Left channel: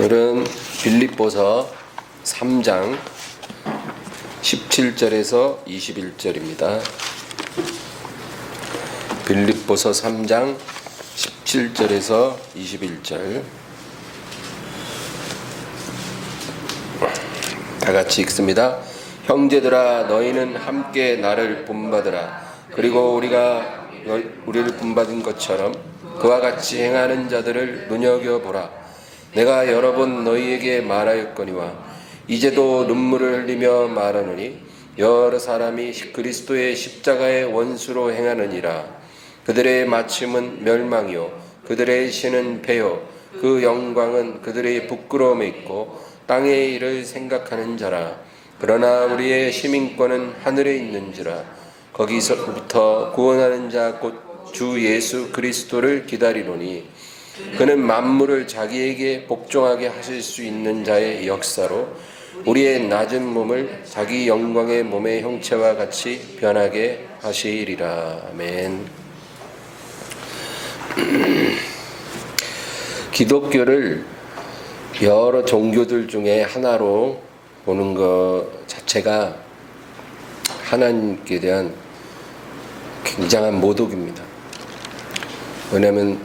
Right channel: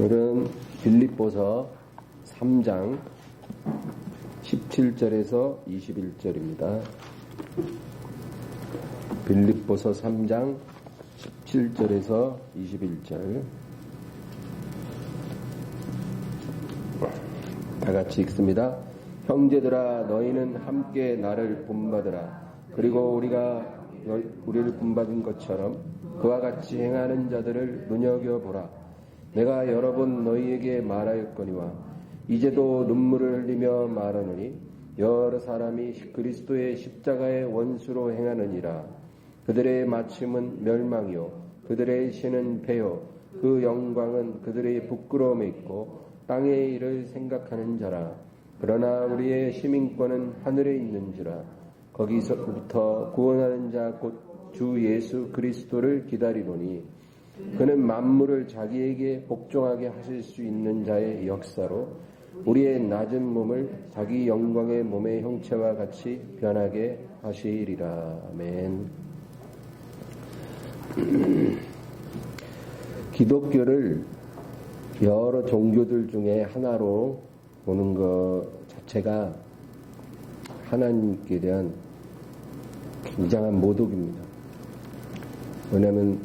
오늘은 빌립보서 3장 17절에서 21절입니다. 빌립보서 3장 17절에서 21절 다 같이 읽습니다. 형제들아, 너희는 함께 나를 본받으라. 그리고 우리가 우리를 본받은 것처럼 그와 같이 행하는 자들을 눈여겨보라. 내가 여러 번 너희에게 말하였거니와 이제도 눈물을 흘리며 말하노니 여러 사람이 그리스도의 십자가의 원수로 행하느니라. 그들의 마침은 멸망이요 그들의 신은 패요 그 영광은 그들의 부끄러움에 있고 땅의 일을 생각하는 자라. 그러나 우리의 시민권은 하늘에 있는지라. 거기서부터 구원하는 자 곧 주 예수 그리스도를 기다리노니 그는 만물을 자기에게 복종하게 하실 수 있는 자의 역사로 우리의 낮은 몸을 자기 영광의 몸의 형체와 같이 변하게 하시리라. 아멘. 기독교를 여러 종교들 중에 하나로 보는 것 자체가 하나님께 대한 굉장한 모독입니다. 왜냐하면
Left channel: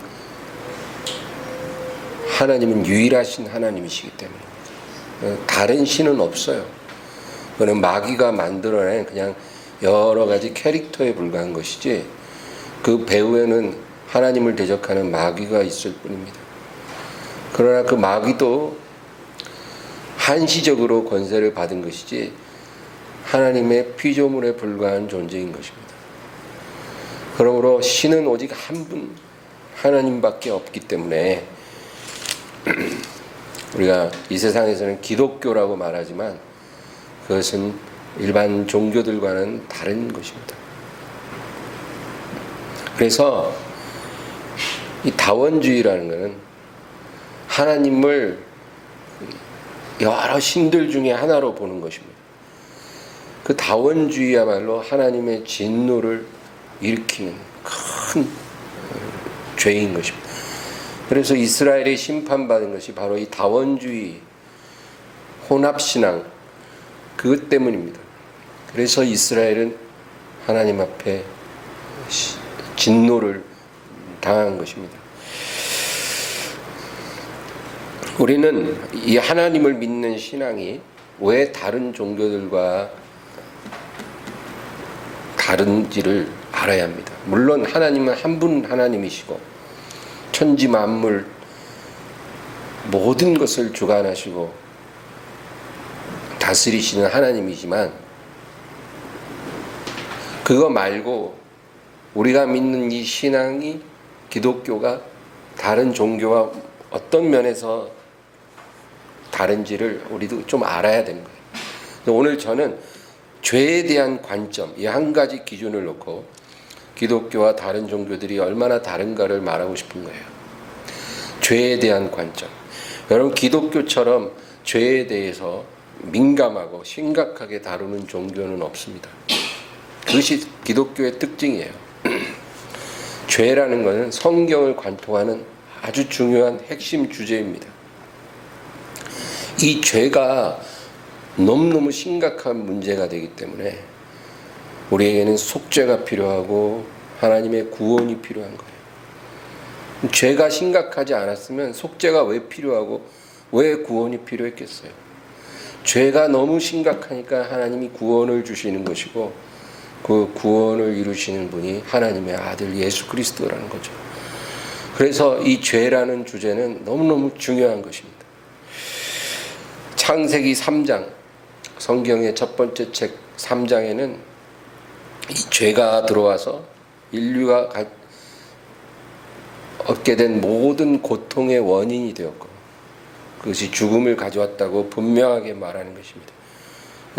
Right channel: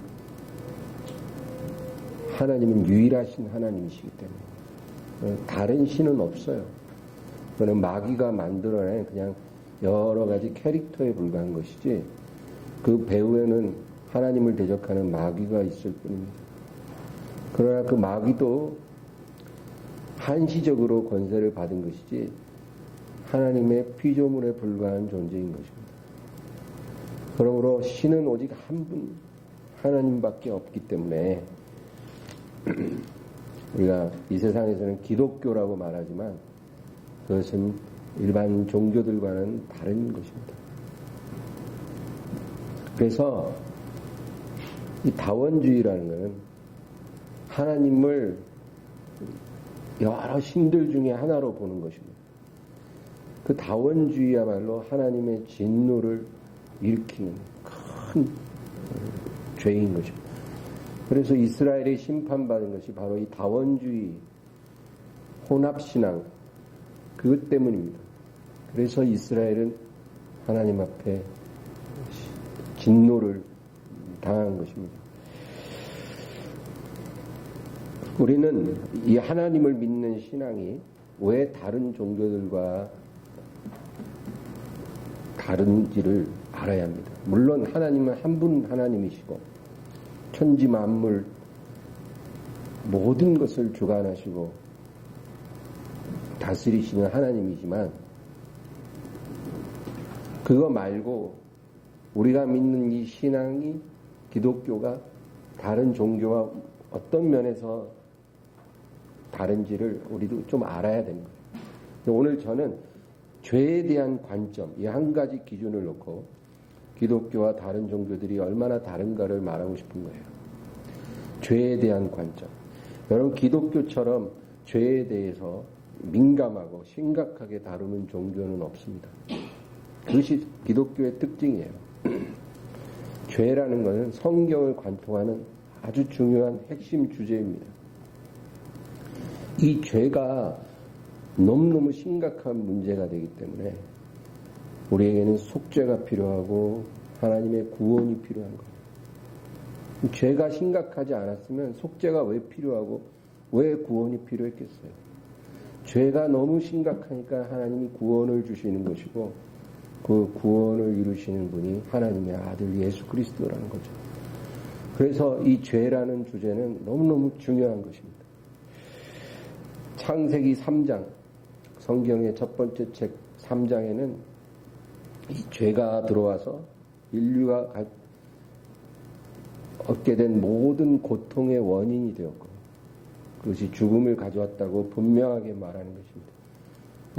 하나님은 유일하신 하나님이시기 때문에 다른 신은 없어요. 그는 마귀가 만들어낸 그냥 여러 가지 캐릭터에 불과한 것이지 그 배후에는 하나님을 대적하는 마귀가 있을 뿐입니다. 그러나 그 마귀도 한시적으로 권세를 받은 것이지 하나님의 피조물에 불과한 존재인 것입니다. 그러므로 신은 오직 한 분 하나님밖에 없기 때문에 우리가 이 세상에서는 기독교라고 말하지만 그것은 일반 종교들과는 다른 것입니다. 그래서 이 다원주의라는 것은 하나님을 여러 신들 중에 하나로 보는 것입니다. 그 다원주의야말로 하나님의 진노를 일으키는 큰 죄인 것입니다. 그래서 이스라엘이 심판받은 것이 바로 이 다원주의, 혼합신앙 그것 때문입니다. 그래서 이스라엘은 하나님 앞에 진노를 당한 것입니다. 우리는 이 하나님을 믿는 신앙이 왜 다른 종교들과 다른지를 알아야 합니다. 물론 하나님은 한 분 하나님이시고 천지 만물 모든 것을 주관하시고 다스리시는 하나님이지만 그거 말고 우리가 믿는 이 신앙이 기독교가 다른 종교와 어떤 면에서 다른지를 우리도 좀 알아야 되는 거예요. 오늘 저는 죄에 대한 관점, 이 한 가지 기준을 놓고 기독교와 다른 종교들이 얼마나 다른가를 말하고 싶은 거예요. 죄에 대한 관점. 여러분, 기독교처럼 죄에 대해서 민감하고 심각하게 다루는 종교는 없습니다. 그것이 기독교의 특징이에요. 죄라는 것은 성경을 관통하는 아주 중요한 핵심 주제입니다. 이 죄가 너무너무 심각한 문제가 되기 때문에 우리에게는 속죄가 필요하고 하나님의 구원이 필요한 거예요. 죄가 심각하지 않았으면 속죄가 왜 필요하고 왜 구원이 필요했겠어요? 죄가 너무 심각하니까 하나님이 구원을 주시는 것이고 그 구원을 이루시는 분이 하나님의 아들 예수 그리스도라는 거죠. 그래서 이 죄라는 주제는 너무너무 중요한 것입니다. 창세기 3장, 성경의 첫 번째 책 3장에는 이 죄가 들어와서 인류가 얻게 된 모든 고통의 원인이 되었고 그것이 죽음을 가져왔다고 분명하게 말하는 것입니다.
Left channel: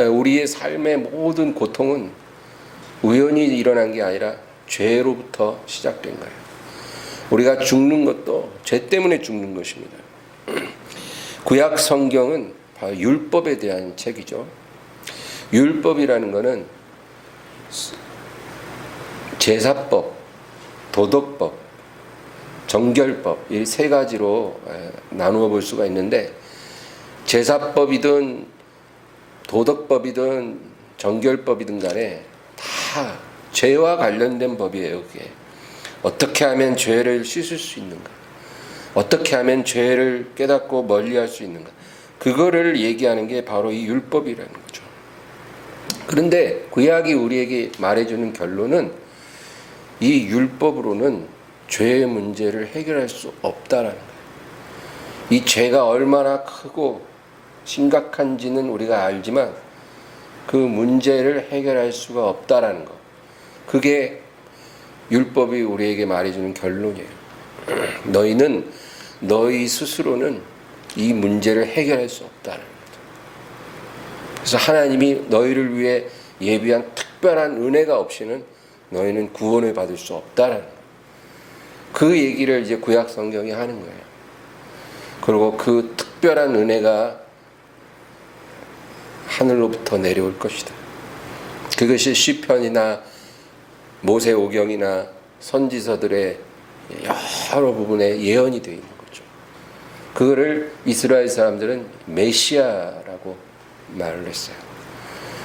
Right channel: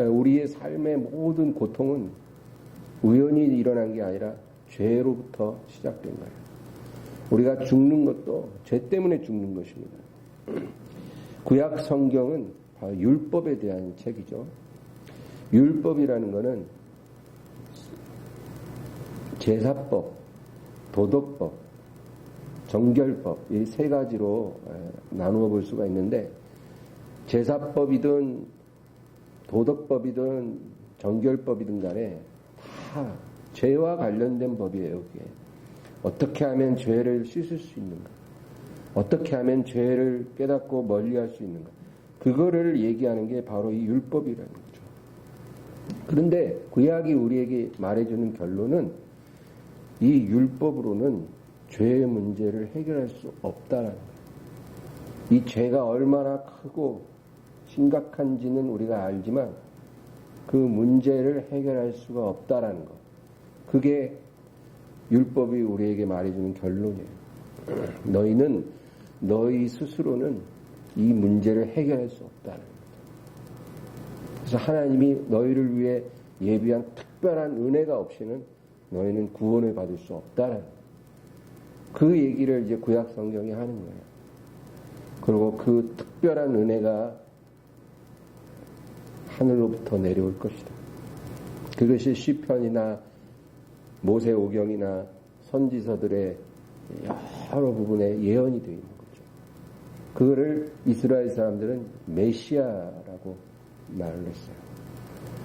우리의 삶의 모든 고통은 우연히 일어난 게 아니라 죄로부터 시작된 거예요. 우리가 죽는 것도 죄 때문에 죽는 것입니다. 구약 성경은 바로 율법에 대한 책이죠. 율법이라는 것은 제사법, 도덕법, 정결법, 이 세 가지로 나누어 볼 수가 있는데, 제사법이든 도덕법이든 정결법이든 간에 다 죄와 관련된 법이에요. 그게 어떻게 하면 죄를 씻을 수 있는가, 어떻게 하면 죄를 깨닫고 멀리할 수 있는가, 그거를 얘기하는 게 바로 이 율법이라는 거죠. 그런데 구약이 우리에게 말해주는 결론은 이 율법으로는 죄의 문제를 해결할 수 없다라는 거예요. 이 죄가 얼마나 크고 심각한지는 우리가 알지만 그 문제를 해결할 수가 없다라는 거, 그게 율법이 우리에게 말해주는 결론이에요. 너희는 너희 스스로는 이 문제를 해결할 수 없다는 거죠. 그래서 하나님이 너희를 위해 예비한 특별한 은혜가 없이는 너희는 구원을 받을 수 없다라는 거예요. 그 얘기를 이제 구약 성경이 하는 거예요. 그리고 그 특별한 은혜가 하늘로부터 내려올 것이다. 그것이 시편이나 모세오경이나 선지서들의 여러 부분에 예언이 되어 있는 거죠. 그거를 이스라엘 사람들은 메시아라고 말을 했어요.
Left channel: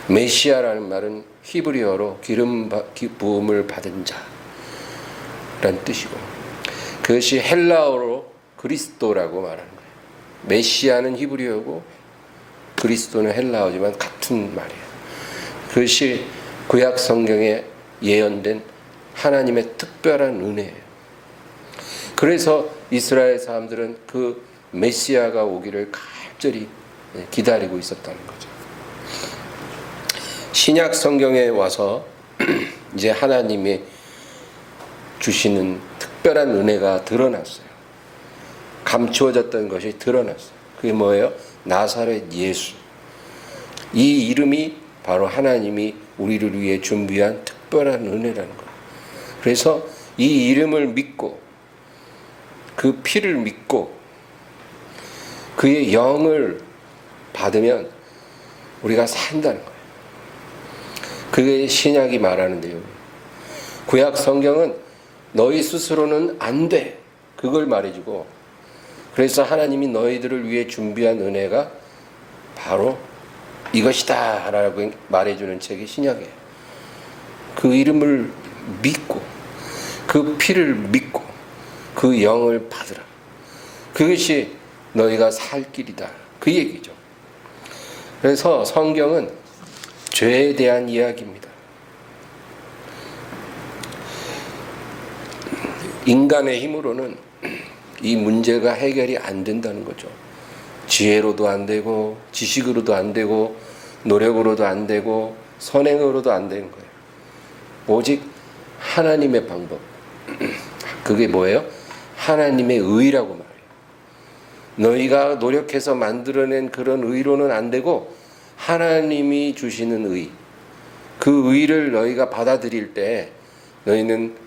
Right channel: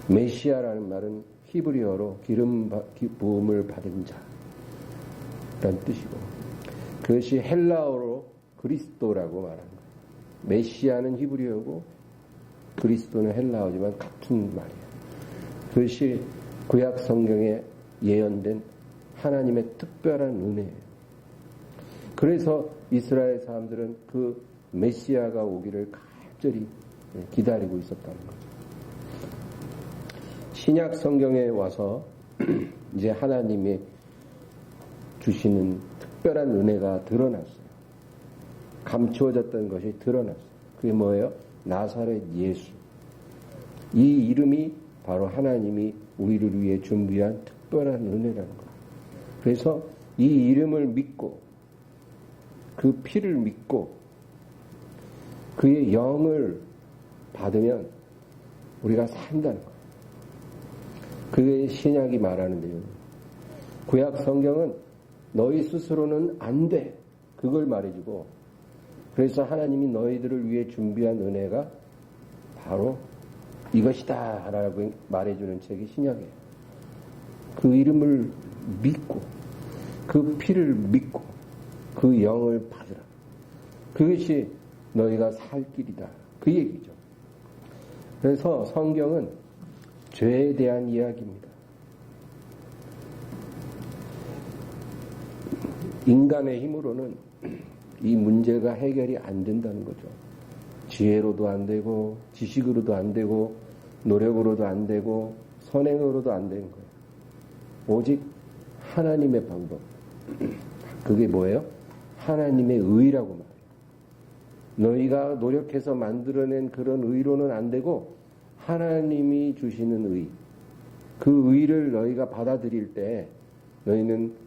메시아라는 말은 히브리어로 기름 부음을 받은 자라는 뜻이고, 그것이 헬라어로 그리스도라고 말하는 거예요. 메시아는 히브리어고 그리스도는 헬라어지만 같은 말이에요. 그것이 구약 성경에 예언된 하나님의 특별한 은혜예요. 그래서 이스라엘 사람들은 그 메시아가 오기를 간절히 기다리고 있었다는 거죠. 신약 성경에 와서 이제 하나님이 주시는 특별한 은혜가 드러났어요. 감추어졌던 것이 드러났어요. 그게 뭐예요? 나사렛 예수. 이 이름이 바로 하나님이 우리를 위해 준비한 특별한 은혜라는 거예요. 그래서 이 이름을 믿고 그 피를 믿고 그의 영을 받으면 우리가 산다는 거예요. 그게 신약이 말하는 내용이에요. 구약 성경은 너희 스스로는 안 돼, 그걸 말해주고, 그래서 하나님이 너희들을 위해 준비한 은혜가 바로 이것이다 라고 말해주는 책이 신약이에요. 그 이름을 믿고 그 피를 믿고 그 영을 받으라. 그것이 너희가 살 길이다, 그 얘기죠. 그래서 성경은 죄에 대한 이야기입니다. 인간의 힘으로는 이 문제가 해결이 안 된다는 거죠. 지혜로도 안 되고 지식으로도 안 되고 노력으로도 안 되고 선행으로도 안 되는 거예요. 오직 하나님의 방법, 그게 뭐예요? 하나님의 의라고 말해요. 너희가 노력해서 만들어낸 그런 의로는 안 되고 하나님이 주시는 의, 그 의를 너희가 받아들일 때 너희는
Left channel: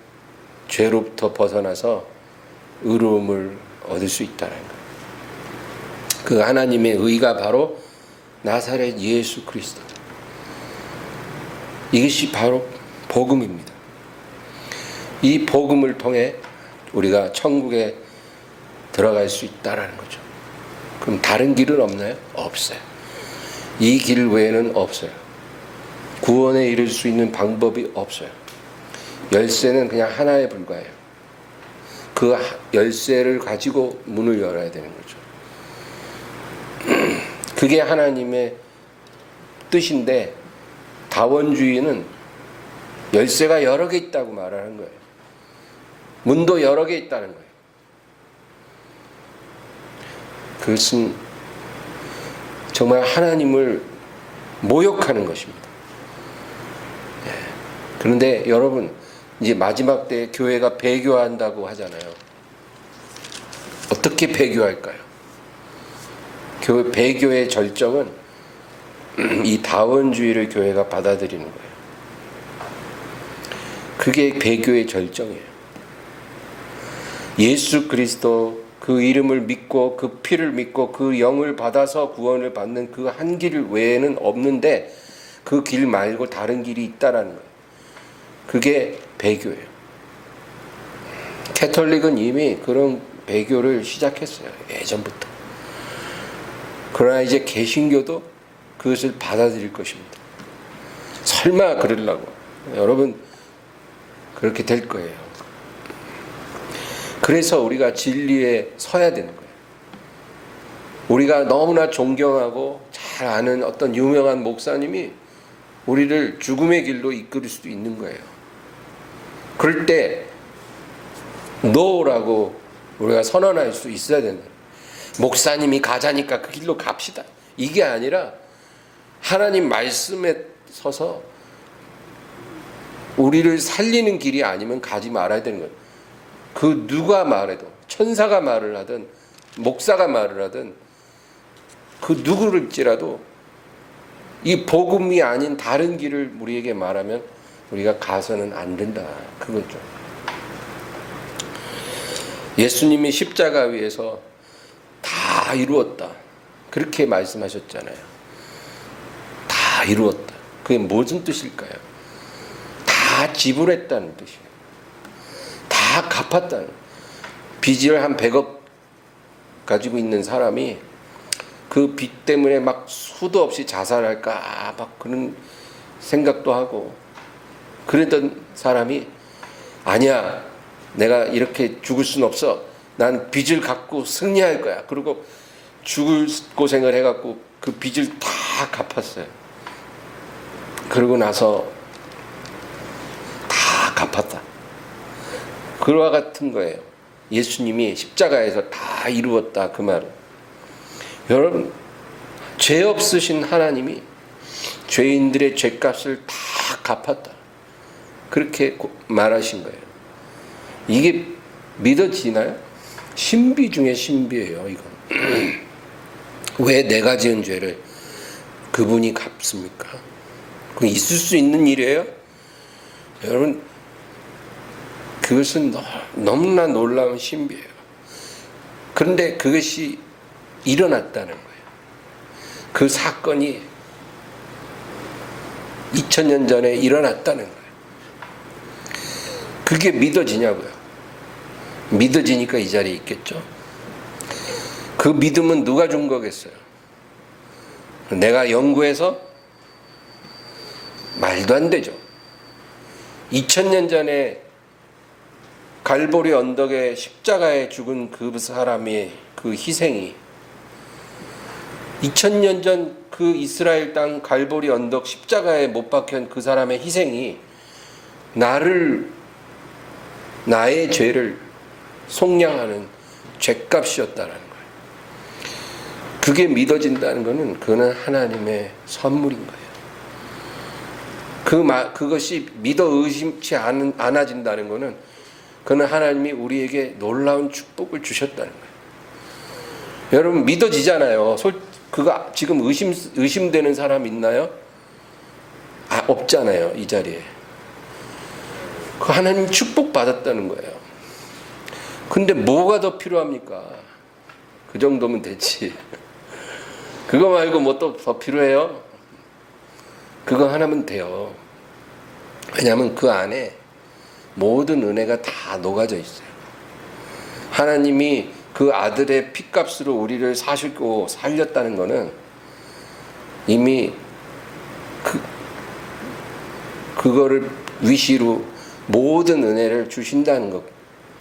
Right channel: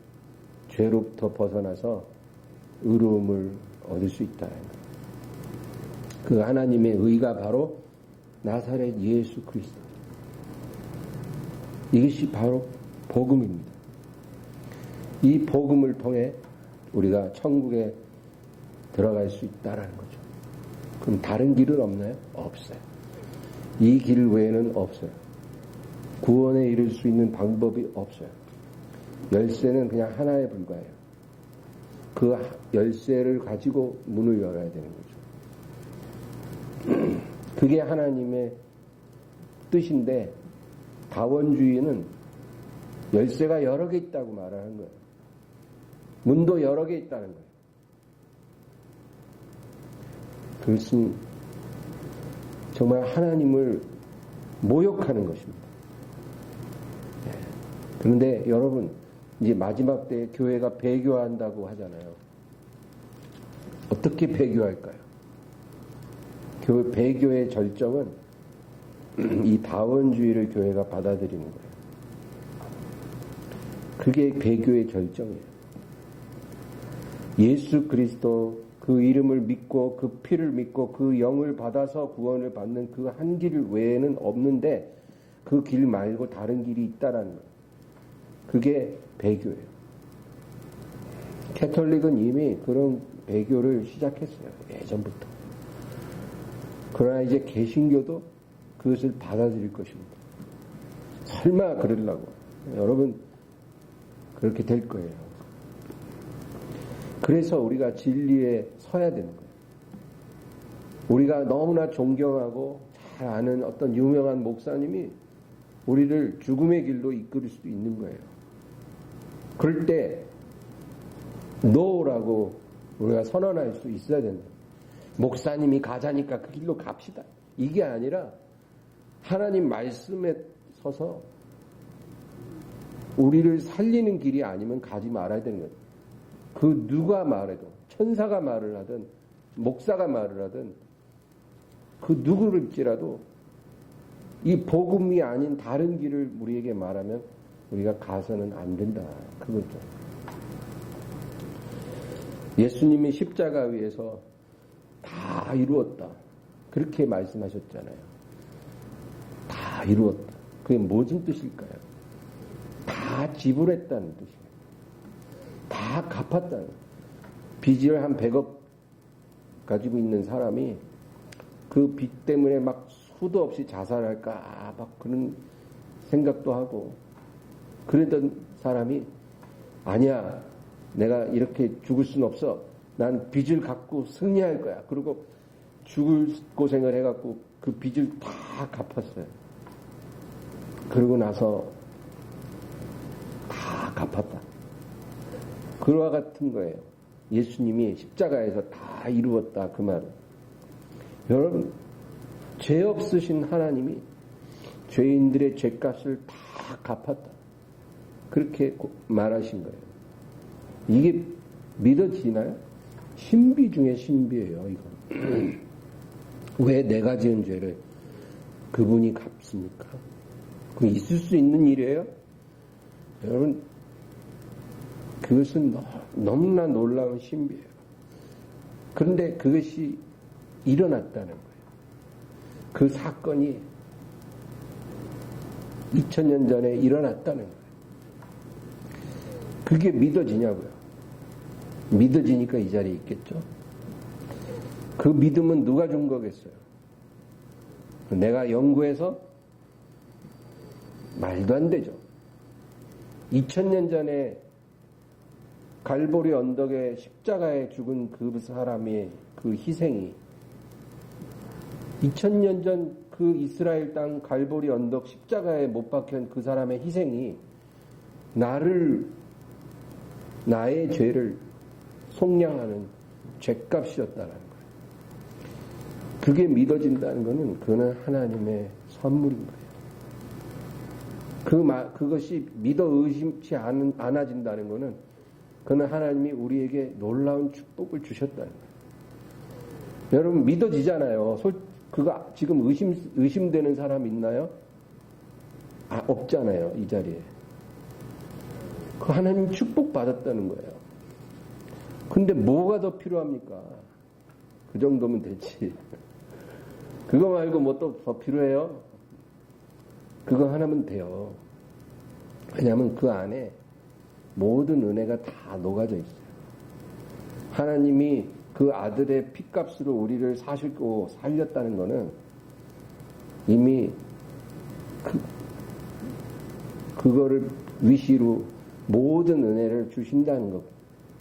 죄로부터 벗어나서 의로움을 얻을 수 있다는 거예요. 그 하나님의 의가 바로 나사렛 예수 그리스도. 이것이 바로 복음입니다. 이 복음을 통해 우리가 천국에 들어갈 수 있다라는 거죠. 그럼 다른 길은 없나요? 없어요. 이 길 외에는 없어요. 구원에 이를 수 있는 방법이 없어요. 열쇠는 그냥 하나에 불과해요. 그 열쇠를 가지고 문을 열어야 되는 거죠. 그게 하나님의 뜻인데, 다원주의는 열쇠가 여러 개 있다고 말하는 거예요. 문도 여러 개 있다는 거예요. 그것은 정말 하나님을 모욕하는 것입니다. 그런데 여러분, 이제 마지막 때 교회가 배교한다고 하잖아요. 어떻게 배교할까요? 배교의 절정은 이 다원주의를 교회가 받아들이는 거예요. 그게 배교의 절정이에요. 예수 그리스도 그 이름을 믿고 그 피를 믿고 그 영을 받아서 구원을 받는 그 한 길 외에는 없는데, 그 길 말고 다른 길이 있다라는 거예요. 그게 배교예요. 캐톨릭은 이미 그런 배교를 시작했어요. 예전부터. 그러나 이제 개신교도 그것을 받아들일 것입니다. 설마 그러려고. 여러분 그렇게 될 거예요. 그래서 우리가 진리에 서야 되는 거예요. 우리가 너무나 존경하고 잘 아는 어떤 유명한 목사님이 우리를 죽음의 길로 이끌 수도 있는 거예요. 그럴 때 노라고 우리가 선언할 수 있어야 된다. 목사님이 가자니까 그 길로 갑시다. 이게 아니라 하나님 말씀에 서서 우리를 살리는 길이 아니면 가지 말아야 되는 거예요. 그 누가 말해도, 천사가 말을 하든 목사가 말을 하든 그 누구를지라도 이 복음이 아닌 다른 길을 우리에게 말하면 우리가 가서는 안 된다. 그거죠. 예수님이 십자가 위에서 다 이루었다. 그렇게 말씀하셨잖아요. 다 이루었다. 그게 무슨 뜻일까요? 다 지불했다는 뜻이에요. 다 갚았다는. 빚을 한 100억 가지고 있는 사람이 그 빚 때문에 막 수도 없이 자살할까 막 그런 생각도 하고 그랬던 사람이 아니야, 내가 이렇게 죽을 순 없어. 난 빚을 갚고 승리할 거야. 그리고 죽을 고생을 해갖고 그 빚을 다 갚았어요. 그러고 나서 다 갚았다. 그와 같은 거예요. 예수님이 십자가에서 다 이루었다. 그 말은. 여러분, 죄 없으신 하나님이 죄인들의 죄값을 다 갚았다. 그렇게 말하신 거예요. 이게 믿어지나요? 신비 중에 신비예요, 이건. 왜 내가 지은 죄를 그분이 갚습니까? 그건 있을 수 있는 일이에요? 여러분, 그것은 너무나 놀라운 신비예요. 그런데 그것이 일어났다는 거예요. 그 사건이 2000년 전에 일어났다는 거예요. 그게 믿어지냐고요. 믿어지니까 이 자리에 있겠죠. 그 믿음은 누가 준 거겠어요? 내가 연구해서? 말도 안 되죠. 2000년 전에 갈보리 언덕에 십자가에 죽은 그 사람의 그 희생이 2000년 전 그 이스라엘 땅 갈보리 언덕 십자가에 못 박힌 그 사람의 희생이 나의 죄를 속량하는 죄값이었다는 거예요. 그게 믿어진다는 것은 그거는 하나님의 선물인 거예요. 그것이 믿어 의심치 않아진다는 것은 그는 하나님이 우리에게 놀라운 축복을 주셨다는 거예요. 여러분 믿어지잖아요. 그거 지금 의심되는 사람 있나요? 없잖아요. 이 자리에. 그 하나님 축복 받았다는 거예요. 근데 뭐가 더 필요합니까? 그 정도면 되지. 그거 말고 뭐 또 더 필요해요? 그거 하나면 돼요. 왜냐하면 그 안에 모든 은혜가 다 녹아져 있어요. 하나님이 그 아들의 피값으로 우리를 사시고 살렸다는 것은 이미 그거를 위시로 모든 은혜를 주신다는 것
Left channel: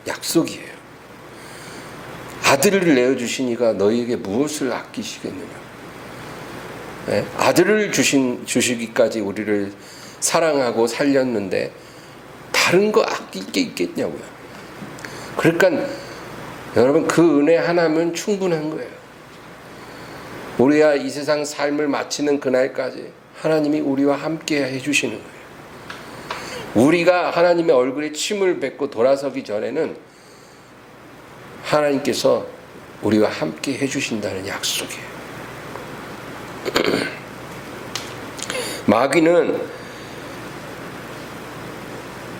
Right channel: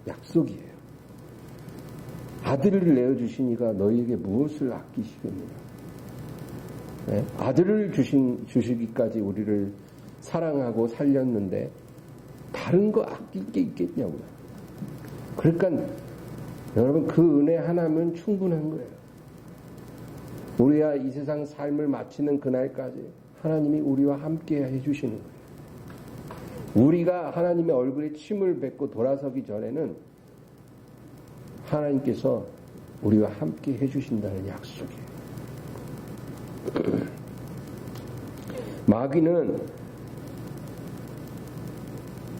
약속이에요. 아들을 내어주시니까 너희에게 무엇을 아끼시겠느냐. 네? 아들을 주시기까지 우리를 사랑하고 살렸는데 다른 거 아낄 게 있겠냐고요. 그러니까 여러분 그 은혜 하나면 충분한 거예요. 우리가 이 세상 삶을 마치는 그날까지 하나님이 우리와 함께 해주시는 거예요. 우리가 하나님의 얼굴에 침을 뱉고 돌아서기 전에는 하나님께서 우리와 함께 해주신다는 약속이에요. 마귀는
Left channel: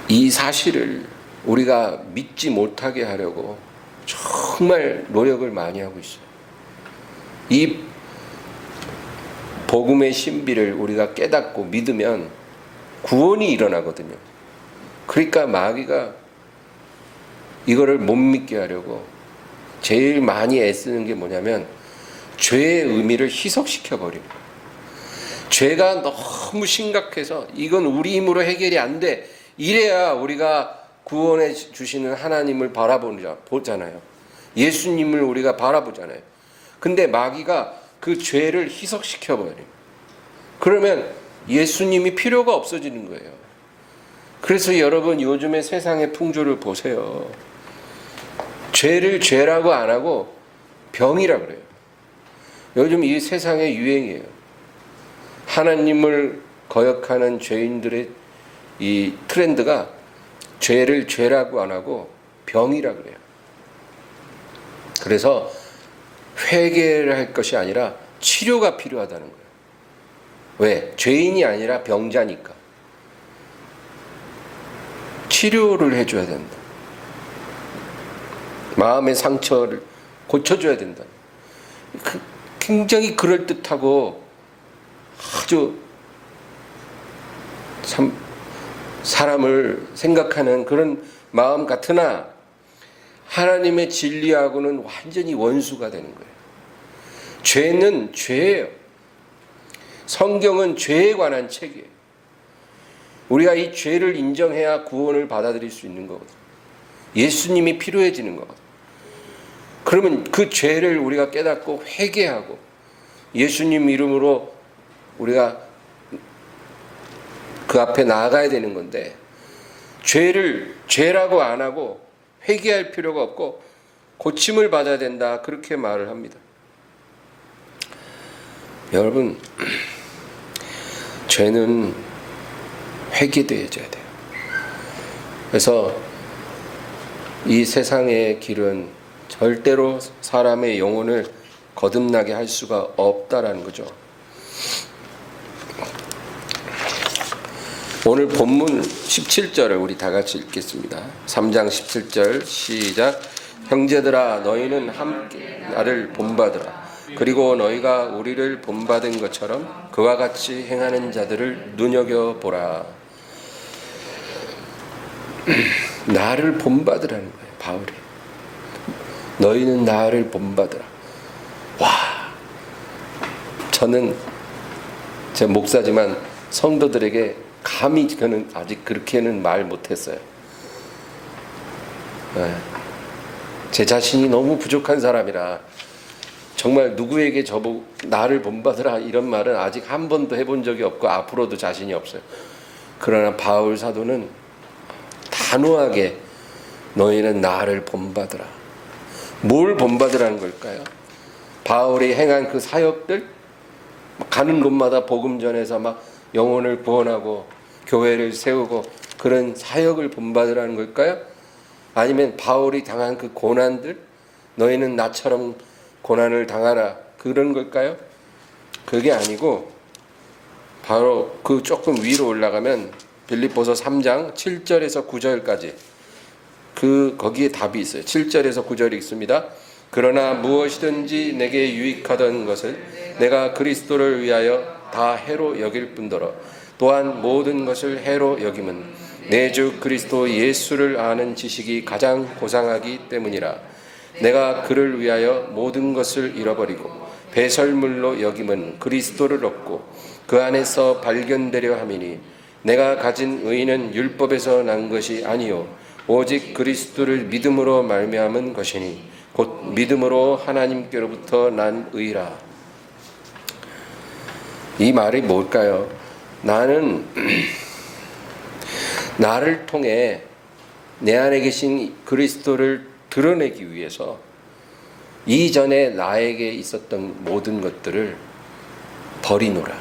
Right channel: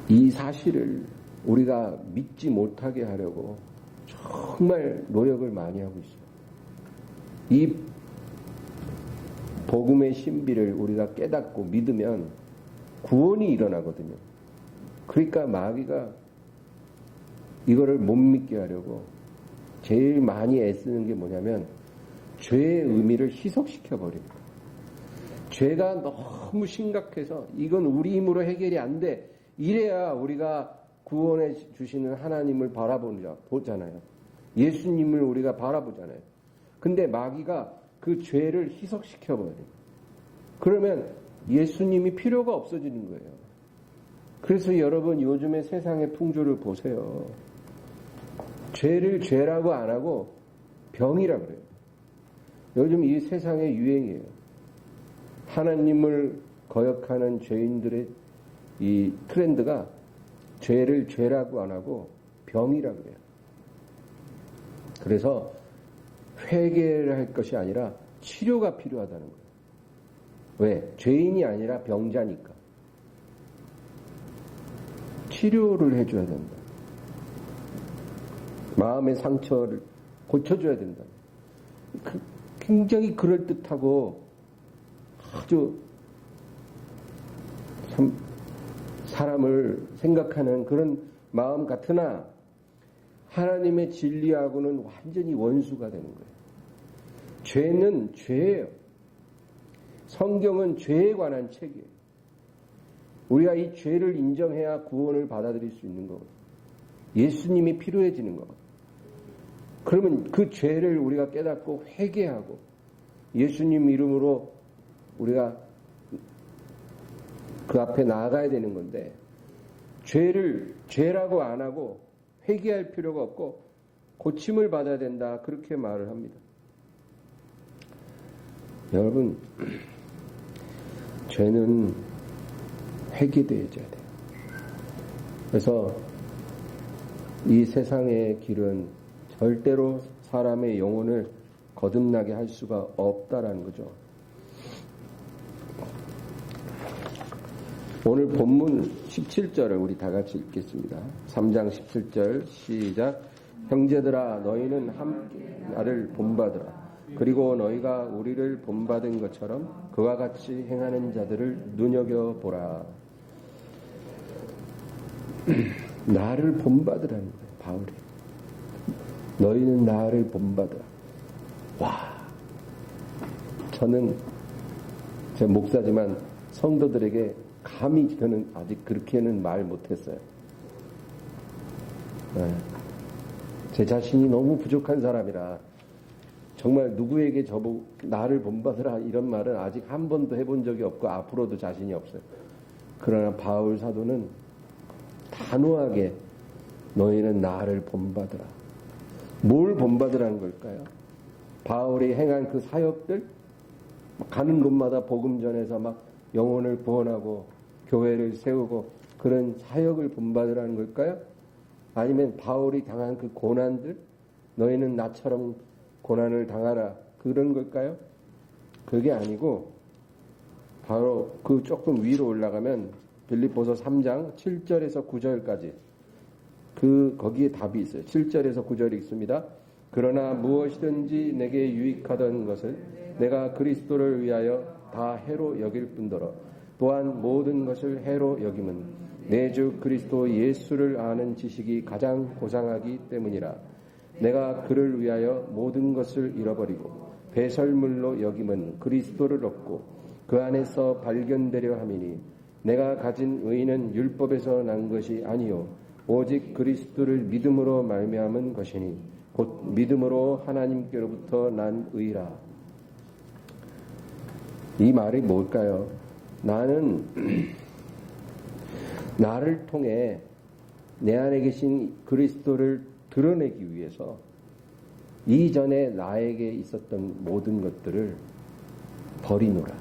이 사실을 우리가 믿지 못하게 하려고 정말 노력을 많이 하고 있어요. 이 복음의 신비를 우리가 깨닫고 믿으면 구원이 일어나거든요. 그러니까 마귀가 이거를 못 믿게 하려고 제일 많이 애쓰는 게 뭐냐면 죄의 의미를 희석시켜 버리는 거예요. 죄가 너무 심각해서 이건 우리 힘으로 해결이 안 돼. 이래야 우리가 구원해 주시는 하나님을 바라보잖아요. 예수님을 우리가 바라보잖아요. 근데 마귀가 그 죄를 희석시켜 버려요. 그러면 예수님이 필요가 없어지는 거예요. 그래서 여러분 요즘의 세상의 풍조를 보세요. 죄를 죄라고 안 하고 병이라 그래요. 요즘 이 세상의 유행이에요. 하나님을 거역하는 죄인들의 이 트렌드가 죄를 죄라고 안 하고 병이라 그래요. 그래서 회개를 할 것이 아니라 치료가 필요하다는 거예요. 왜? 죄인이 아니라 병자니까. 치료를 해줘야 된다. 마음의 상처를 고쳐줘야 된다. 굉장히 그럴듯하고 아주 참 사람을 생각하는 그런 마음 같으나 하나님의 진리하고는 완전히 원수가 되는 거예요. 죄는 죄예요. 성경은 죄에 관한 책이에요. 우리가 이 죄를 인정해야 구원을 받아들일 수 있는 거거든요. 예수님이 필요해지는 거거든요. 그러면 그 죄를 우리가 깨닫고 회개하고 예수님 이름으로 우리가 그 앞에 나아가야 되는 건데 죄를 죄라고 안 하고 회개할 필요가 없고 고침을 받아야 된다 그렇게 말을 합니다. 여러분 죄는 회개되어져야 돼요. 그래서 이 세상의 길은 절대로 사람의 영혼을 거듭나게 할 수가 없다라는 거죠. 오늘 본문 17절을 우리 다 같이 읽겠습니다. 3장 17절 시작. 형제들아 너희는 함께 나를 본받으라. 그리고 너희가 우리를 본받은 것처럼 그와 같이 행하는 자들을 눈여겨보라. 나를 본받으라는 거예요. 바울이. 너희는 나를 본받으라. 와, 저는 제 목사지만 성도들에게 감히 저는 아직 그렇게는 말 못했어요. 제 자신이 너무 부족한 사람이라 정말 누구에게 저보고 나를 본받으라 이런 말은 아직 한 번도 해본 적이 없고 앞으로도 자신이 없어요. 그러나 바울 사도는 단호하게 너희는 나를 본받으라. 뭘 본받으라는 걸까요? 바울이 행한 그 사역들, 가는 곳마다 복음 전해서 막 영혼을 구원하고 교회를 세우고 그런 사역을 본받으라는 걸까요? 아니면 바울이 당한 그 고난들, 너희는 나처럼 고난을 당하라 그런 걸까요? 그게 아니고 바로 그 조금 위로 올라가면 빌립보서 3장 7절에서 9절까지 거기에 답이 있어요. 7절에서 9절이 있습니다. 그러나 무엇이든지 내게 유익하던 것을 내가 그리스도를 위하여 다 해로 여길 뿐더러 또한 모든 것을 해로 여김은 내 주 그리스도 예수를 아는 지식이 가장 고상하기 때문이라. 내가 그를 위하여 모든 것을 잃어버리고 배설물로 여김은 그리스도를 얻고 그 안에서 발견되려 함이니 내가 가진 의는 율법에서 난 것이 아니요 오직 그리스도를 믿음으로 말미암은 것이니 곧 믿음으로 하나님께로부터 난 의라. 이 말이 뭘까요? 나는 나를 통해 내 안에 계신 그리스도를 드러내기 위해서 이전에 나에게 있었던 모든 것들을 버리노라.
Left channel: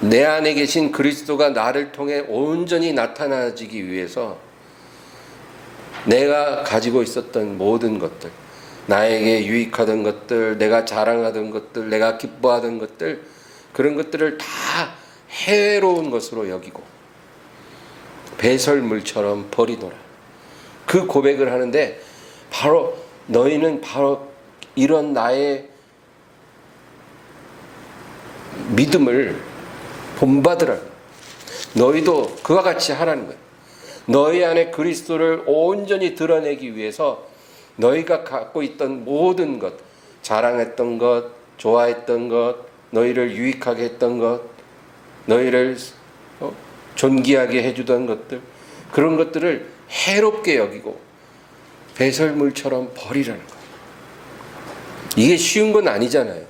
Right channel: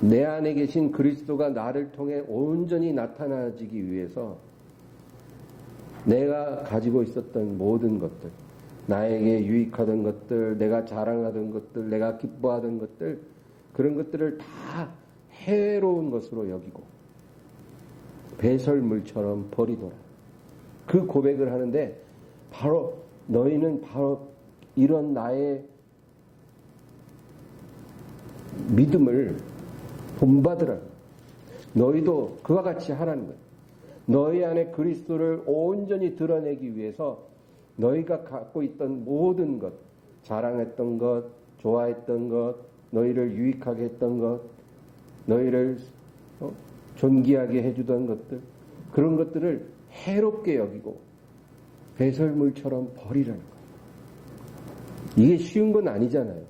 내 안에 계신 그리스도가 나를 통해 온전히 나타나지기 위해서 내가 가지고 있었던 모든 것들, 나에게 유익하던 것들, 내가 자랑하던 것들, 내가 기뻐하던 것들, 그런 것들을 다 해로운 것으로 여기고 배설물처럼 버리노라. 그 고백을 하는데 바로 너희는 바로 이런 나의 믿음을 본받으라. 너희도 그와 같이 하라는 거예요. 너희 안에 그리스도를 온전히 드러내기 위해서 너희가 갖고 있던 모든 것, 자랑했던 것, 좋아했던 것, 너희를 유익하게 했던 것, 너희를 존귀하게 해주던 것들, 그런 것들을 해롭게 여기고 배설물처럼 버리라는 거예요. 이게 쉬운 건 아니잖아요.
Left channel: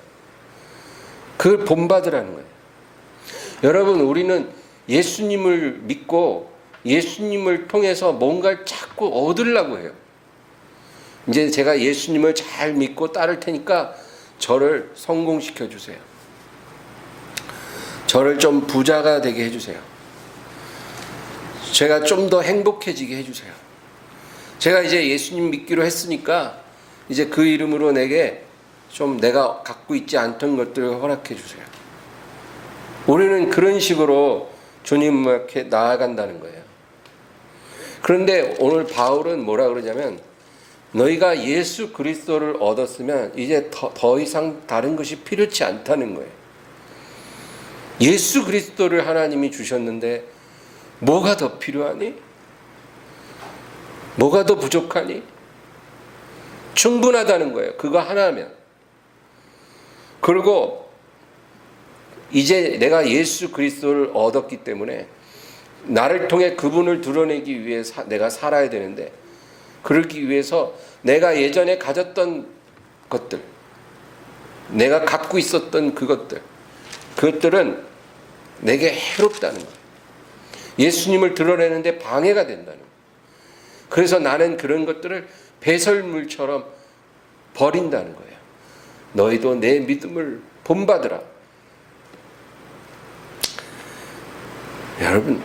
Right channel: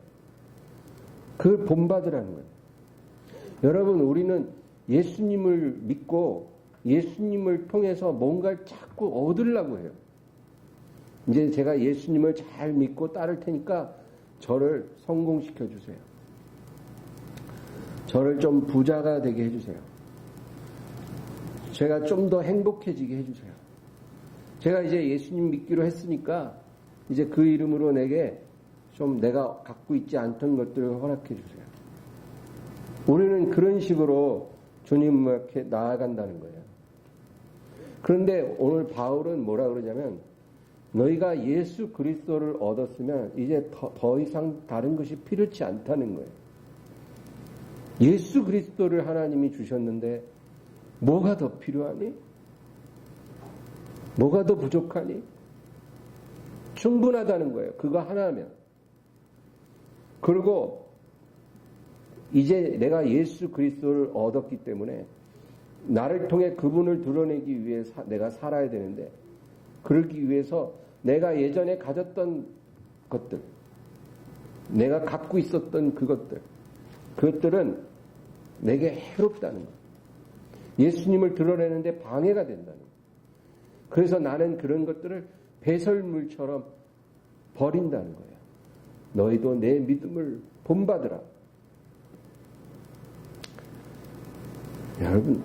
그걸 본받으라는 거예요. 여러분, 우리는 예수님을 믿고 예수님을 통해서 뭔가를 자꾸 얻으려고 해요. 이제 제가 예수님을 잘 믿고 따를 테니까 저를 성공시켜 주세요. 저를 좀 부자가 되게 해주세요. 제가 좀 더 행복해지게 해주세요. 제가 이제 예수님 믿기로 했으니까 이제 그 이름으로 내게 좀 내가 갖고 있지 않던 것들을 허락해 주세요. 우리는 그런 식으로 주님 앞에 나아간다는 거예요. 그런데 오늘 바울은 뭐라 그러냐면 너희가 예수 그리스도를 얻었으면 이제 더 이상 다른 것이 필요치 않다는 거예요. 예수 그리스도를 하나님이 주셨는데 뭐가 더 필요하니? 뭐가 더 부족하니? 충분하다는 거예요. 그거 하나면. 그리고 이제 내가 예수 그리스도를 얻었기 때문에 나를 통해 그분을 드러내기 위해 내가 살아야 되는데, 그러기 위해서 내가 예전에 가졌던 것들, 내가 갖고 있었던 그것들은 내게 해롭다는 거예요. 예수님을 드러내는데 방해가 된다는 거예요. 그래서 나는 그런 것들을 배설물처럼 버린다는 거예요. 너희도 내 믿음을 본받으라. 여러분,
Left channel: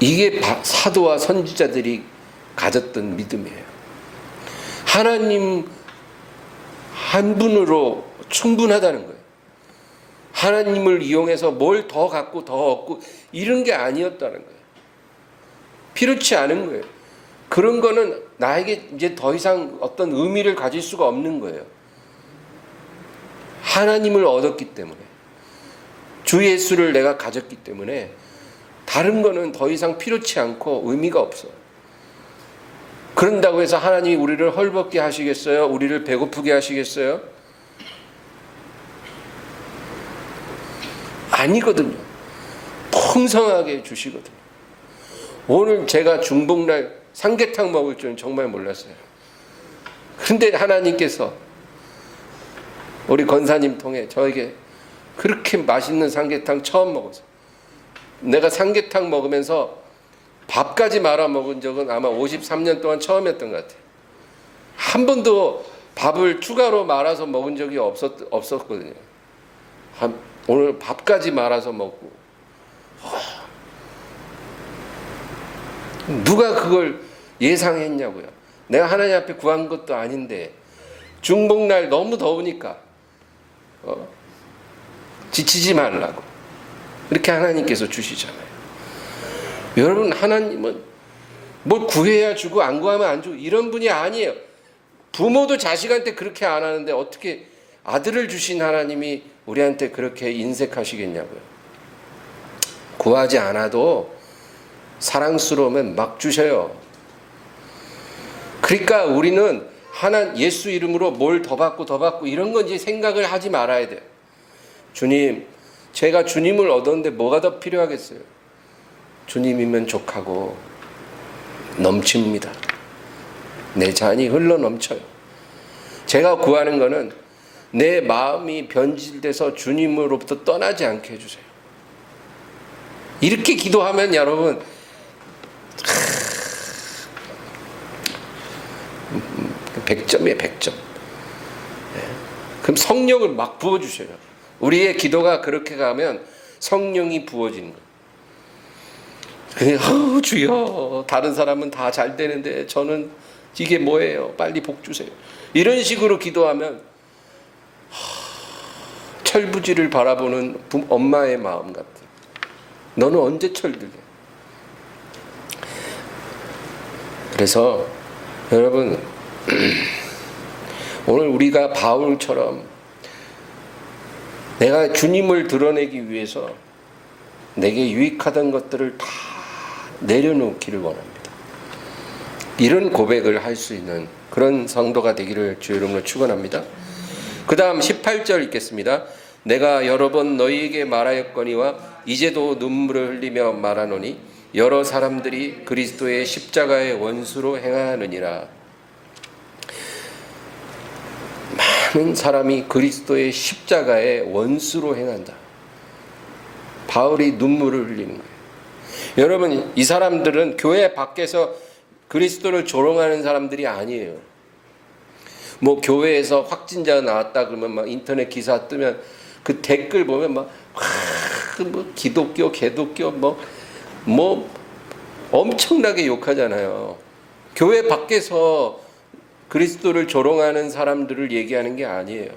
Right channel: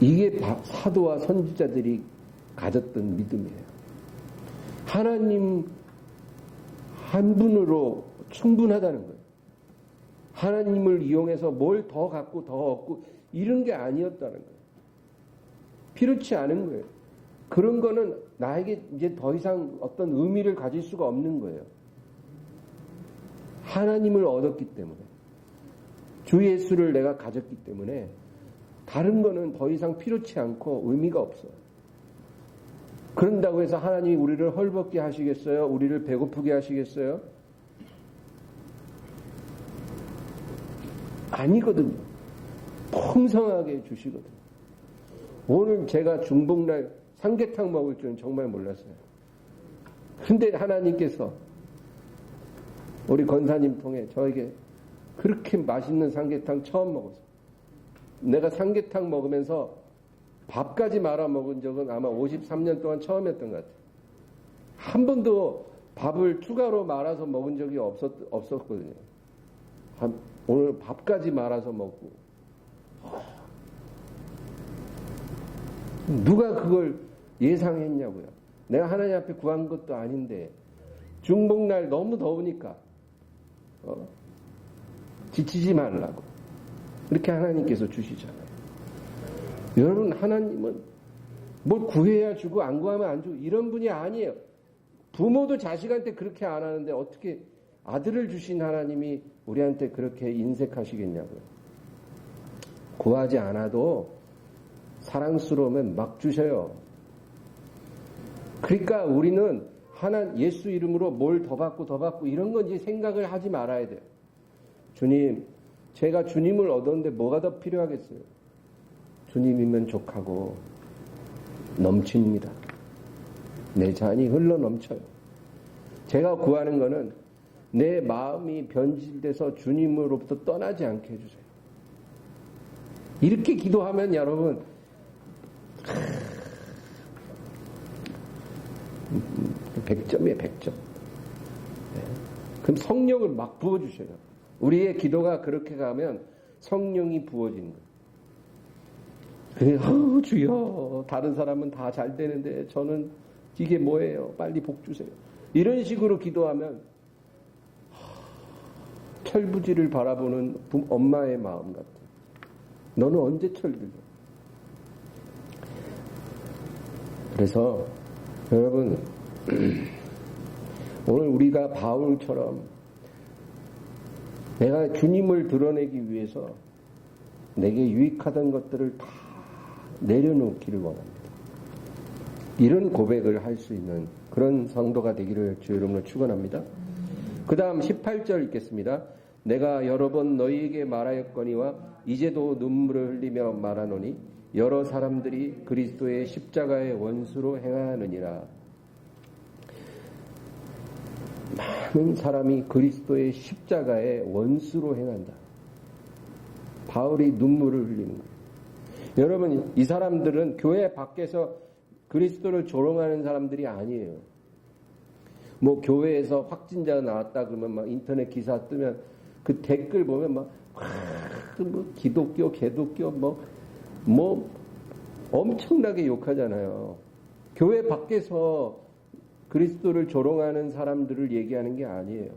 이게 사도와 선지자들이 가졌던 믿음이에요. 하나님 한 분으로 충분하다는 거예요. 하나님을 이용해서 뭘 더 갖고 더 얻고 이런 게 아니었다는 거예요. 필요치 않은 거예요. 그런 거는 나에게 이제 더 이상 어떤 의미를 가질 수가 없는 거예요. 하나님을 얻었기 때문에, 주 예수를 내가 가졌기 때문에 다른 거는 더 이상 필요치 않고 의미가 없어. 그런다고 해서 하나님이 우리를 헐벗게 하시겠어요? 우리를 배고프게 하시겠어요? 아니거든요. 풍성하게 주시거든요. 오늘 제가 중복날 삼계탕 먹을 줄은 정말 몰랐어요. 그런데 하나님께서 우리 권사님 통해 저에게 그렇게 맛있는 삼계탕 처음 먹었어요. 내가 삼계탕 먹으면서 밥까지 말아 먹은 적은 아마 53년 동안 처음이었던 것 같아요. 한 번도 밥을 추가로 말아서 먹은 적이 없었거든요. 오늘 밥까지 말아서 먹고, 누가 그걸 예상했냐고요. 내가 하나님 앞에 구한 것도 아닌데 중복날 너무 더우니까 지치지 말라고 이렇게 하나님께서 주시잖아요. 여러분, 하나님은 뭘 구해야 주고 안 구하면 안 주고 이런 분이 아니에요. 부모도 자식한테 그렇게 안 하는데 어떻게 아들을 주신 하나님이 우리한테 그렇게 인색하시겠냐고요. 구하지 않아도 사랑스러우면 막 주셔요. 그러니까 우리는 예수 이름으로 뭘 더 받고 이런 건지 생각을 하지 말아야 돼요. 주님, 제가 주님을 얻었는데 뭐가 더 필요하겠어요? 주님이면 족하고 넘칩니다. 내 잔이 흘러 넘쳐요. 제가 구하는 거는 내 마음이 변질돼서 주님으로부터 떠나지 않게 해주세요. 이렇게 기도하면 여러분, 100점이에요, 100점. 그럼 성령을 막 부어주셔요. 우리의 기도가 그렇게 가면 성령이 부어지는 거예요. 그냥 주여, 다른 사람은 다 잘 되는데 저는 이게 뭐예요? 빨리 복 주세요. 이런 식으로 기도하면 철부지를 바라보는 엄마의 마음 같아. 너는 언제 철들래? 그래서 여러분, 오늘 우리가 바울처럼 내가 주님을 드러내기 위해서 내게 유익하던 것들을 다 내려놓기를 원합니다. 이런 고백을 할 수 있는 그런 성도가 되기를 주 이름으로 축원합니다. 그 다음 18절 읽겠습니다. 내가 여러 번 너희에게 말하였거니와 이제도 눈물을 흘리며 말하노니 여러 사람들이 그리스도의 십자가의 원수로 행하느니라. 많은 사람이 그리스도의 십자가의 원수로 행한다. 바울이 눈물을 흘리는 거예요. 여러분, 이 사람들은 교회 밖에서 그리스도를 조롱하는 사람들이 아니에요. 뭐 교회에서 확진자가 나왔다 그러면 막 인터넷 기사 뜨면 그 댓글 보면 막 뭐 기독교, 개독교 뭐 엄청나게 욕하잖아요. 교회 밖에서 그리스도를 조롱하는 사람들을 얘기하는 게 아니에요.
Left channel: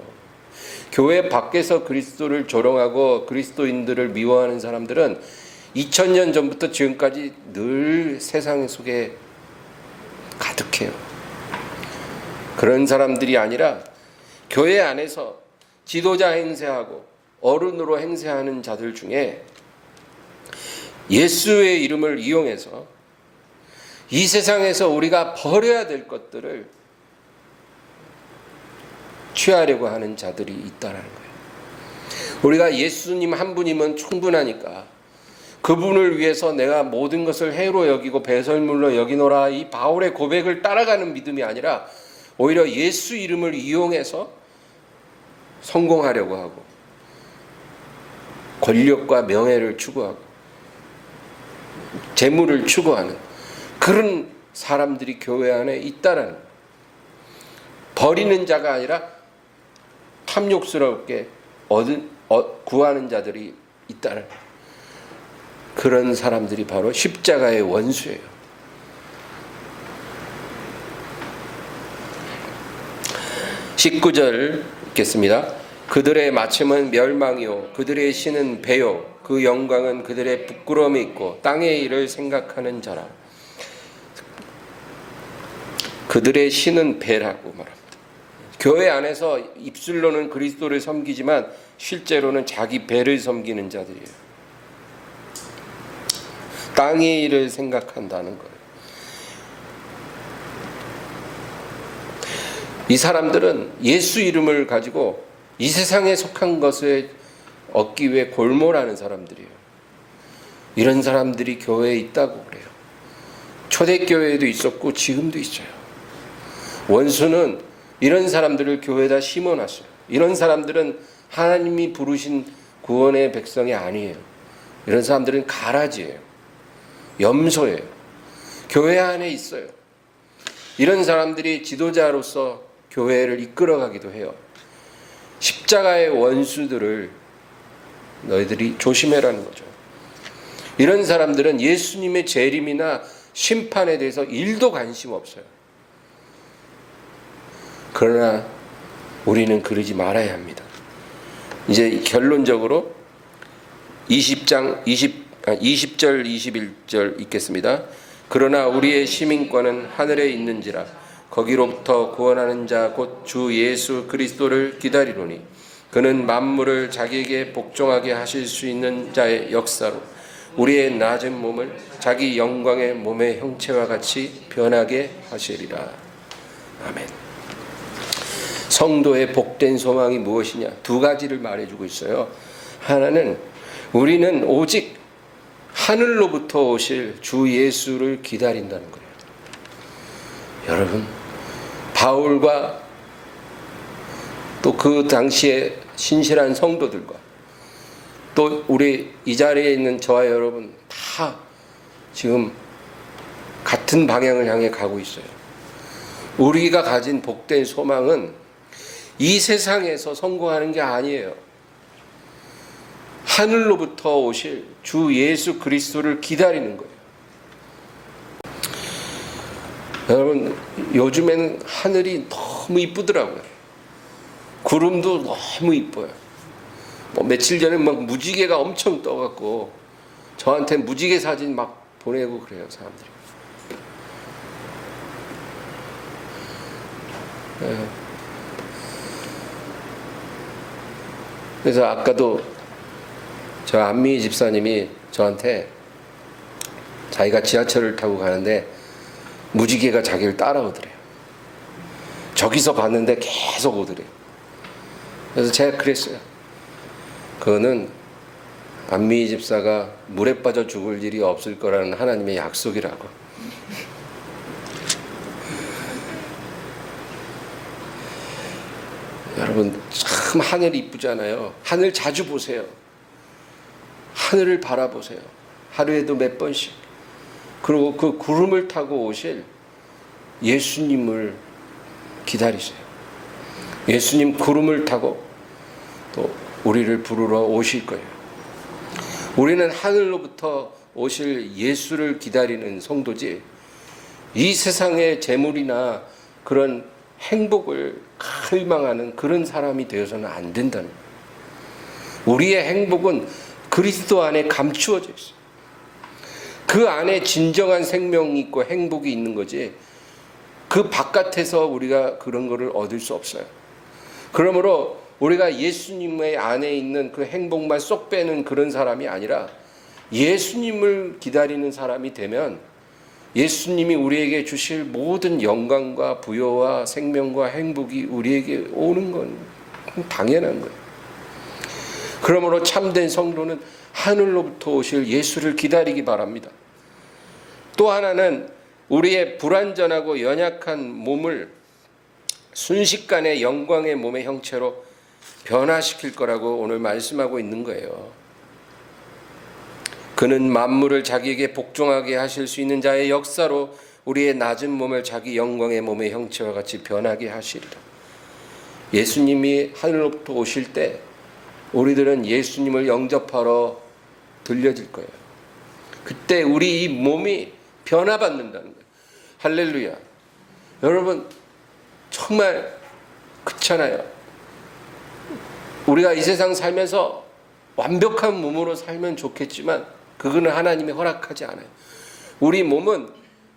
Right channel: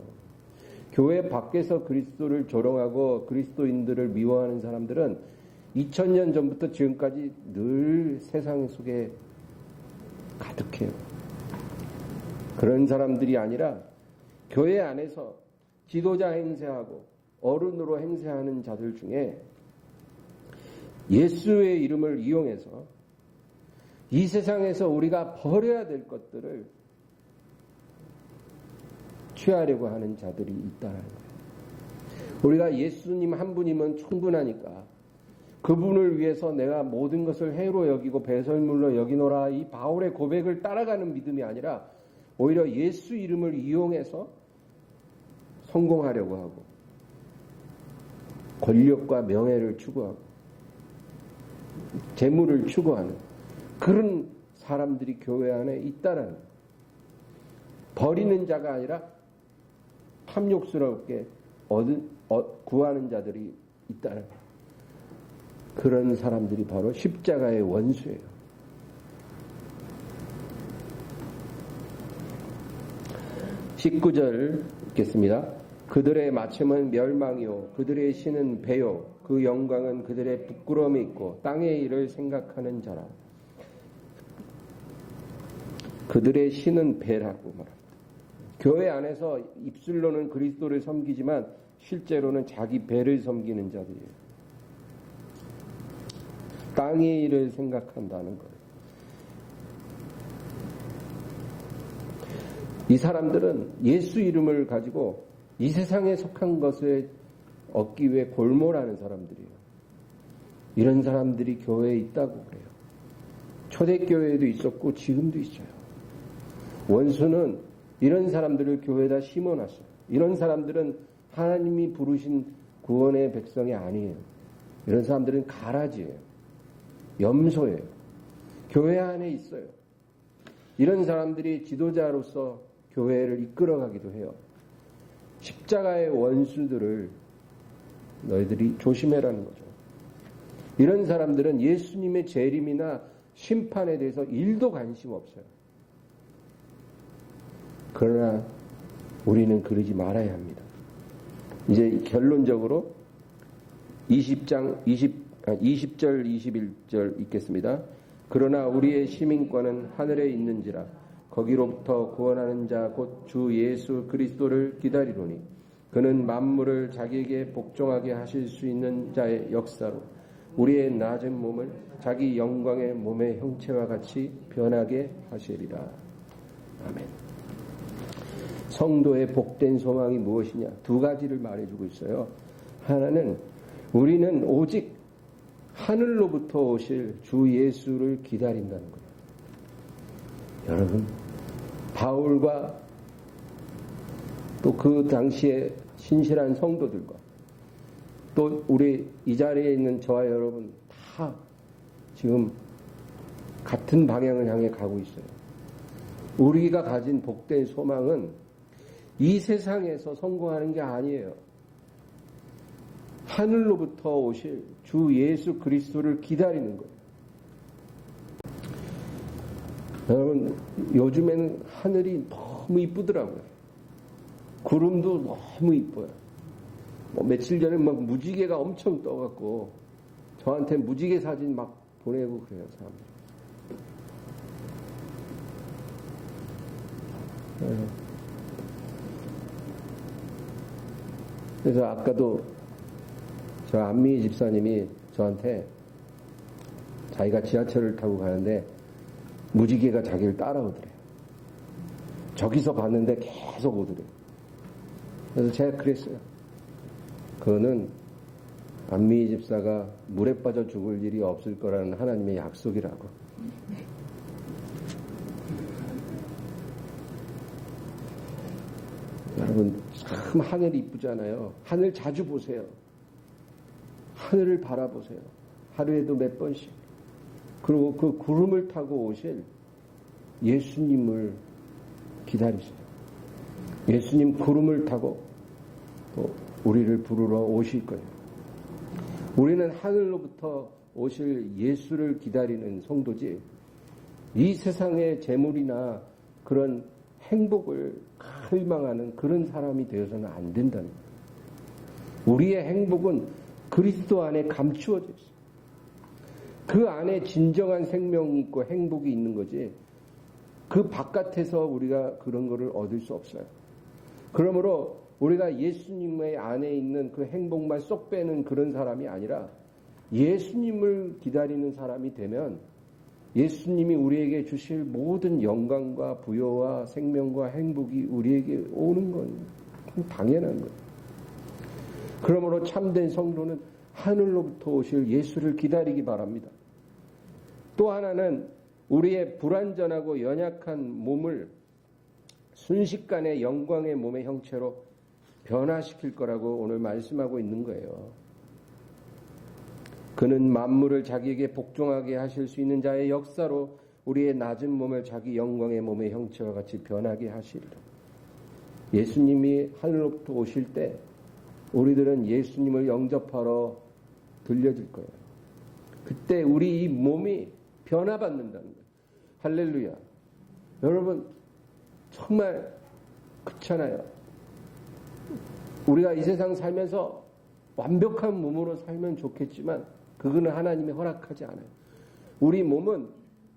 교회 밖에서 그리스도를 조롱하고 그리스도인들을 미워하는 사람들은 2000년 전부터 지금까지 늘 세상 속에 가득해요. 그런 사람들이 아니라 교회 안에서 지도자 행세하고 어른으로 행세하는 자들 중에 예수의 이름을 이용해서 이 세상에서 우리가 버려야 될 것들을 취하려고 하는 자들이 있다는 거예요. 우리가 예수님 한 분이면 충분하니까 그분을 위해서 내가 모든 것을 해로 여기고 배설물로 여기노라, 이 바울의 고백을 따라가는 믿음이 아니라 오히려 예수 이름을 이용해서 성공하려고 하고 권력과 명예를 추구하고 재물을 추구하는 그런 사람들이 교회 안에 있다라는 거예요. 버리는 자가 아니라 탐욕스럽게 구하는 자들이 있다는 거예요. 그런 사람들이 바로 십자가의 원수예요. 19절 읽겠습니다. 그들의 마침은 멸망이요 그들의 신은 배요 그 영광은 그들의 부끄러움이 있고 땅의 일을 생각하는 자라. 그들의 신은 배라고 말합니다. 교회 안에서 입술로는 그리스도를 섬기지만 실제로는 자기 배를 섬기는 자들이에요. 땅의 일을 생각한다는 거예요. 이 사람들은 예수 이름을 가지고 이 세상에 속한 것을 얻기 위해 골몰하는 사람들이에요. 이런 사람들이 교회에 있다고 그래요. 초대교회에도 있었고 지금도 있어요. 원수는 이런 사람들을 교회에다 심어놨어요. 이런 사람들은 하나님이 부르신 구원의 백성이 아니에요. 이런 사람들은 가라지예요. 염소예요. 교회 안에 있어요. 이런 사람들이 지도자로서 교회를 이끌어가기도 해요. 십자가의 원수들을 너희들이 조심해라는 거죠. 이런 사람들은 예수님의 재림이나 심판에 대해서 1도 관심 없어요. 그러나 우리는 그러지 말아야 합니다. 이제 결론적으로 20절 21절 읽겠습니다. 그러나 우리의 시민권은 하늘에 있는지라 거기로부터 구원하는 자 곧 주 예수 그리스도를 기다리노니 그는 만물을 자기에게 복종하게 하실 수 있는 자의 역사로 우리의 낮은 몸을 자기 영광의 몸의 형체와 같이 변하게 하시리라. 아멘. 성도의 복된 소망이 무엇이냐? 두 가지를 말해주고 있어요. 하나는 우리는 오직 하늘로부터 오실 주 예수를 기다린다는 거예요. 여러분, 바울과 또 그 당시에 신실한 성도들과 또 우리 이 자리에 있는 저와 여러분 다 지금 같은 방향을 향해 가고 있어요. 우리가 가진 복된 소망은 이 세상에서 성공하는 게 아니에요. 하늘로부터 오실 주 예수 그리스도를 기다리는 거예요. 여러분, 요즘에는 하늘이 너무 이쁘더라고요. 구름도 너무 이뻐요. 뭐 며칠 전에 막 무지개가 엄청 떠갖고 저한테 무지개 사진 막 보내고 그래요, 사람들이. 그래서 아까도 저 안미희 집사님이 저한테 자기가 지하철을 타고 가는데 무지개가 자기를 따라오더래요. 저기서 봤는데 계속 오더래요. 그래서 제가 그랬어요. 그거는 안미희 집사가 물에 빠져 죽을 일이 없을 거라는 하나님의 약속이라고. 여러분, 참 하늘이 이쁘잖아요. 하늘 자주 보세요. 하늘을 바라보세요. 하루에도 몇 번씩. 그리고 그 구름을 타고 오실 예수님을 기다리세요. 예수님 구름을 타고 또 우리를 부르러 오실 거예요. 우리는 하늘로부터 오실 예수를 기다리는 성도지, 이 세상의 재물이나 그런 행복을 갈망하는 그런 사람이 되어서는 안 된다는 거예요. 우리의 행복은 그리스도 안에 감추어져 있어요. 그 안에 진정한 생명이 있고 행복이 있는 거지, 그 바깥에서 우리가 그런 거를 얻을 수 없어요. 그러므로 우리가 예수님의 안에 있는 그 행복만 쏙 빼는 그런 사람이 아니라 예수님을 기다리는 사람이 되면 예수님이 우리에게 주실 모든 영광과 부여와 생명과 행복이 우리에게 오는 건 당연한 거예요. 그러므로 참된 성도는 하늘로부터 오실 예수를 기다리기 바랍니다. 또 하나는 우리의 불완전하고 연약한 몸을 순식간에 영광의 몸의 형체로 변화시킬 거라고 오늘 말씀하고 있는 거예요. 그는 만물을 자기에게 복종하게 하실 수 있는 자의 역사로 우리의 낮은 몸을 자기 영광의 몸의 형체와 같이 변하게 하시리라. 예수님이 하늘로부터 오실 때 우리들은 예수님을 영접하러 들려질 거예요. 그때 우리 이 몸이 변화받는다는 거예요. 할렐루야. 여러분, 정말 그렇잖아요. 우리가 이 세상 살면서 완벽한 몸으로 살면 좋겠지만 그거는 하나님이 허락하지 않아요. 우리 몸은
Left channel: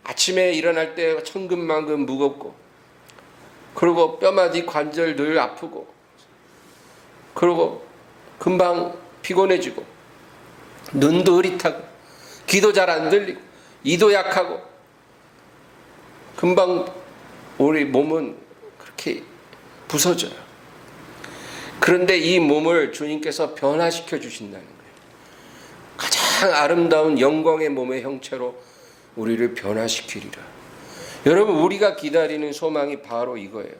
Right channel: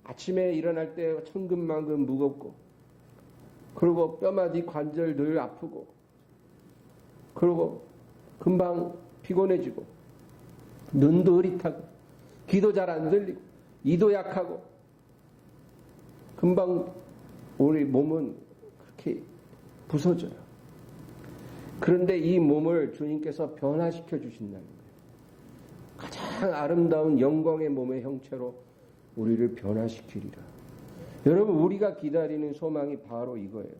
아침에 일어날 때 천근만근 무겁고, 그리고 뼈마디 관절 늘 아프고, 그리고 금방 피곤해지고, 눈도 흐릿하고, 귀도 잘 안 들리고, 이도 약하고, 금방 우리 몸은 그렇게 부서져요. 그런데 이 몸을 주님께서 변화시켜 주신다는 거예요. 가장 아름다운 영광의 몸의 형체로 우리를 변화시키리라. 여러분, 우리가 기다리는 소망이 바로 이거예요.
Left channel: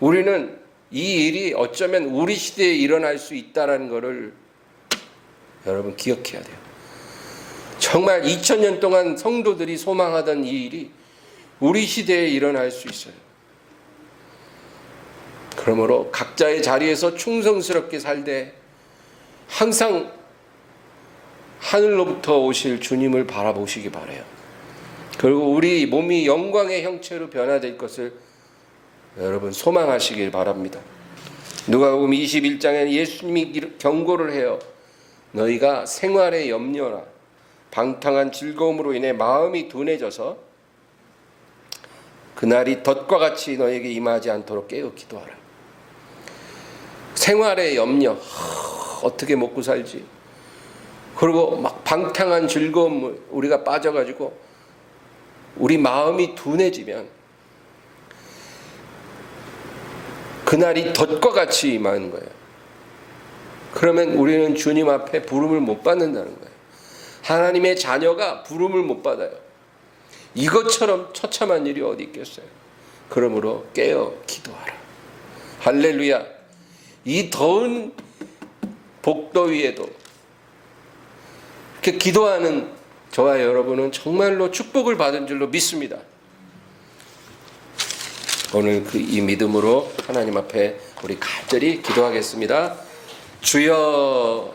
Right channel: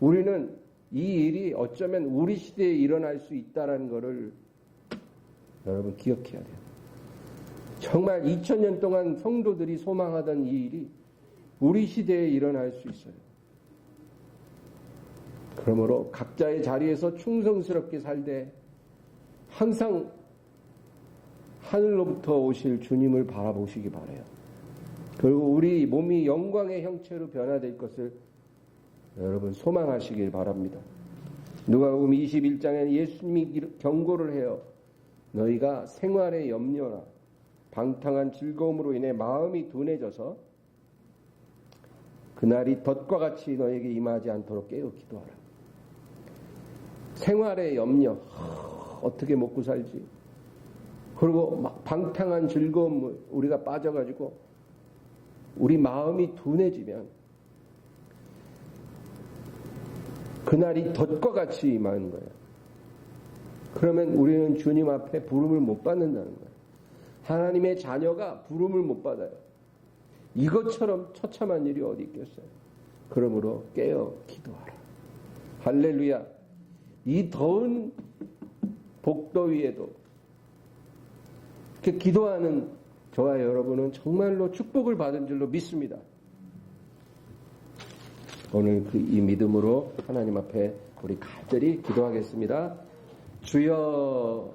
우리는 이 일이 어쩌면 우리 시대에 일어날 수 있다는 것을 여러분 기억해야 돼요. 정말 2000년 동안 성도들이 소망하던 이 일이 우리 시대에 일어날 수 있어요. 그러므로 각자의 자리에서 충성스럽게 살되 항상 하늘로부터 오실 주님을 바라보시기 바라요. 그리고 우리 몸이 영광의 형체로 변화될 것을 여러분 소망하시길 바랍니다. 누가복음 21장에는 예수님이 경고를 해요. 너희가 생활의 염려나 방탕한 즐거움으로 인해 마음이 둔해져서 그날이 덫과 같이 너에게 임하지 않도록 깨어 기도하라. 생활의 염려, 어떻게 먹고 살지, 그리고 막 방탕한 즐거움 우리가 빠져가지고 우리 마음이 둔해지면 그날이 덫과 같이 임하는 거예요. 그러면 우리는 주님 앞에 부름을 못 받는다는 거예요. 하나님의 자녀가 부름을 못 받아요. 이것처럼 처참한 일이 어디 있겠어요. 그러므로 깨어 기도하라. 할렐루야. 이 더운 복더위에도 이렇게 기도하는 저와 여러분은 정말로 축복을 받은 줄로 믿습니다. 오늘 이 믿음으로 하나님 앞에 우리 간절히 기도하겠습니다. 주여.